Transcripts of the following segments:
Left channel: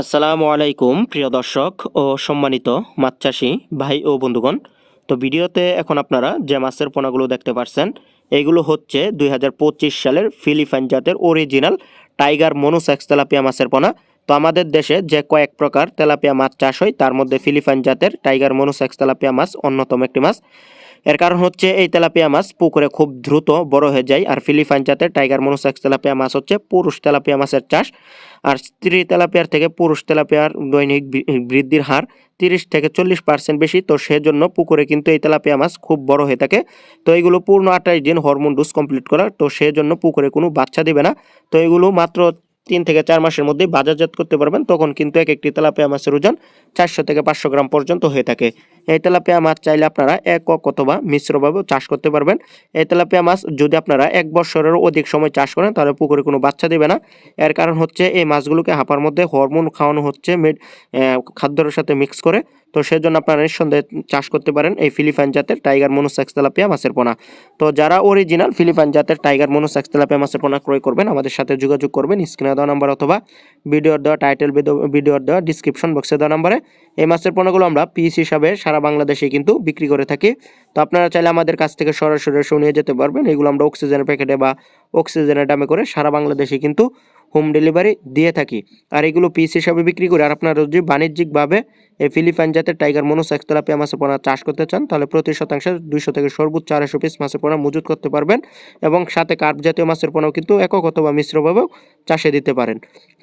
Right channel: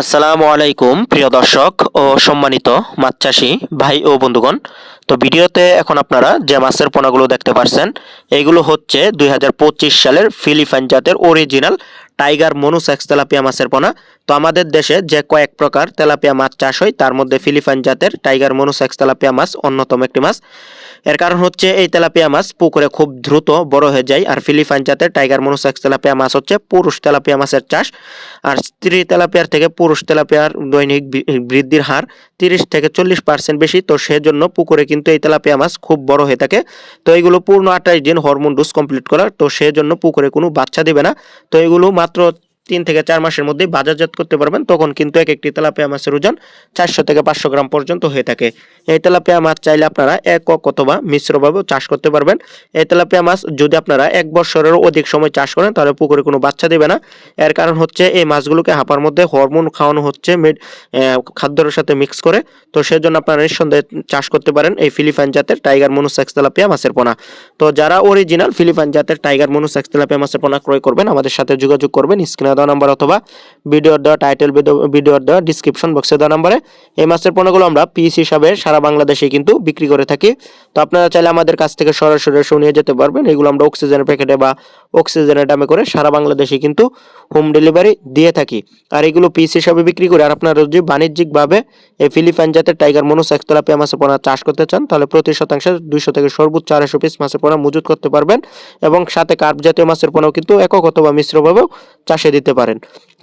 আসসালামু আলাইকুম প্রিয় দর্শক ও সম্মানিত মাছ চাষি ভাই ও বন্ধুগণ। তো ভিডিওতে এখন আপনারা যে মাছের পোনাগুলো দেখতে পাচ্ছেন এইগুলো হচ্ছে 2025 সালের ফিলিপাইন জাতের অরিজিনাল টাইগার মনুসেক্স তেলাপিয়া মাছের পোনা। তো আমাদের দেশে যে কয়েক প্রকার তেলাপিয়া মাছ চাষ হয় তার মধ্যে ফিলিপাইন জাতের টাইগার মনুসেক্স তেলাপিয়া মাছ অন্যতম একটি মাছ। এর কারণ হচ্ছে এই তেলাপিয়া মাছ পুকুরে খুব দ্রুত বড় হয়ে যায়, আর ফিলিপাইন জাতের টাইগার মনুসেক্স তেলাপিয়া মাছ হচ্ছে পুরুষ তেলাপিয়া মাছের চাষ। আর স্ত্রী তেলাপিয়ার থেকে পুরুষ তেলাপিয়ার দৈনিক বৃদ্ধির হার 30 থেকে 40% বেশি। তো সেজন্য পুকুরে কিন্তু এই তেলাপিয়া মাছ খুব বড় হয়ে থাকে। তো এগুলো পূর্ণ 28 দিন হরমোন ডোজ কমপ্লিট করা, তো সেজন্য পুকুরে কোনো বাচ্চা দিবে না। তো এগুলো মাত্র 3 থেকে 4 মাসের মধ্যে বাজারজাত করতে পারবেন, তখন কিন্তু এক একটি তেলাপিয়া মাছের ওজন 400 থেকে 500 গ্রাম পর্যন্ত হয়ে থাকে। এই তেলাপিয়া মাছ চাইলে আপনারা একক অথবা মিশ্রভাবে চাষ করতে পারবেন। এই তেলাপিয়া মাছ যদি আপনারা 1 বছরেরও অধিক সময় চাষ করেন তাহলে পুকুরে কোনো বাচ্চা দেবে না। এর কারণ হচ্ছে এই মাছগুলোকে হাঁপার মধ্যে হরমোন খাওয়ানো হচ্ছে খাদ্যের সাথে মিক্স করে। তো সেজন্য আপনারা নিঃসন্দেহে চাষ করতে পারেন এই ফিলিপাইন জাতের টাইগার মনুসেক্স তেলাপিয়া মাছের পোনা। তো যারা অরিজিনাল ফিলিপাইন জাতের টাইগার মনুসেক্স তেলাপিয়া মাছের পোনা ক্রয় করবেন আমাদের সাথে যোগাযোগ করবেন স্ক্রিনে দেওয়া নাম্বার অথবা ভিডিওর দেওয়া টাইটেল, ভিডিওর দেওয়া ডিসক্রিপশন বক্সে দেওয়া নাম্বারে। এই মাছের পোনাগুলো আমরা পিস হিসাবে সারা বাংলাদেশে কিন্তু বিক্রি করে থাকি। তো আপনারা চাইলে আমাদের কাছ থেকে সরাসরি এসে নিয়ে যেতে পারবেন। এগুলো আমরা অক্সিজেনের প্যাকেটে বা অক্সিজেনের দামে করে সারা বাংলাদেশে কিন্তু হোম ডেলিভারি দিয়ে থাকি। আর এগুলো পিস হিসাবে বিক্রি করে, আর আপনারা যদি বাণিজ্যিকভাবে এই ফিলিপাইন জাতের টাইগার মনুসেক্স তেলাপিয়া মাছের পোনা চাষ করতে চান তাহলে প্রতি শতাংশে 200 থেকে সর্বোচ্চ 250 পিস মাছের পোনা মজুত করতে পারবেন। এবং সাথে কার্প জাতীয় মাছের পোনাও কিন্তু একক অথবা মিশ্রভাবেও চাষে দিতে পারেন।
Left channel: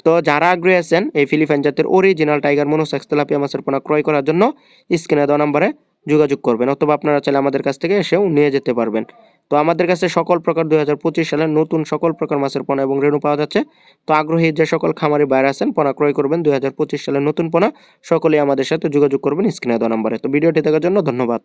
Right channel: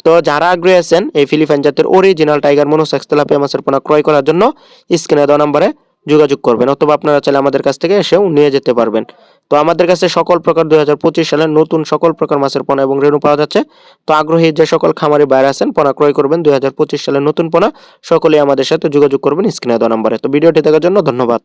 তো যারা আগ্রহী আছেন এই ফিলিপাইন জাতের অরিজিনাল টাইগার মনুসেক্স তেলাপিয়া মাছের পোনা ক্রয় করার জন্য স্ক্রিনে দেওয়া নম্বরে যোগাযোগ করবেন, অথবা আপনারা চাইলে আমাদের কাছ থেকে এসেও নিয়ে যেতে পারবেন। তো আমাদের কাছে সকল প্রকার 2025 সালের নতুন সকল প্রকার মাছের পোনা এবং রেণু পাওয়া যাচ্ছে। তো আগ্রহী যে সকল খামারি বাইরে আছেন পোনা ক্রয় করবেন 2025 সালের নতুন পোনা, সকলেই আমাদের সাথে যোগাযোগ করবেন স্ক্রিনে দেওয়া নম্বরে। তো ভিডিওটি দেখার জন্য ধন্যবাদ।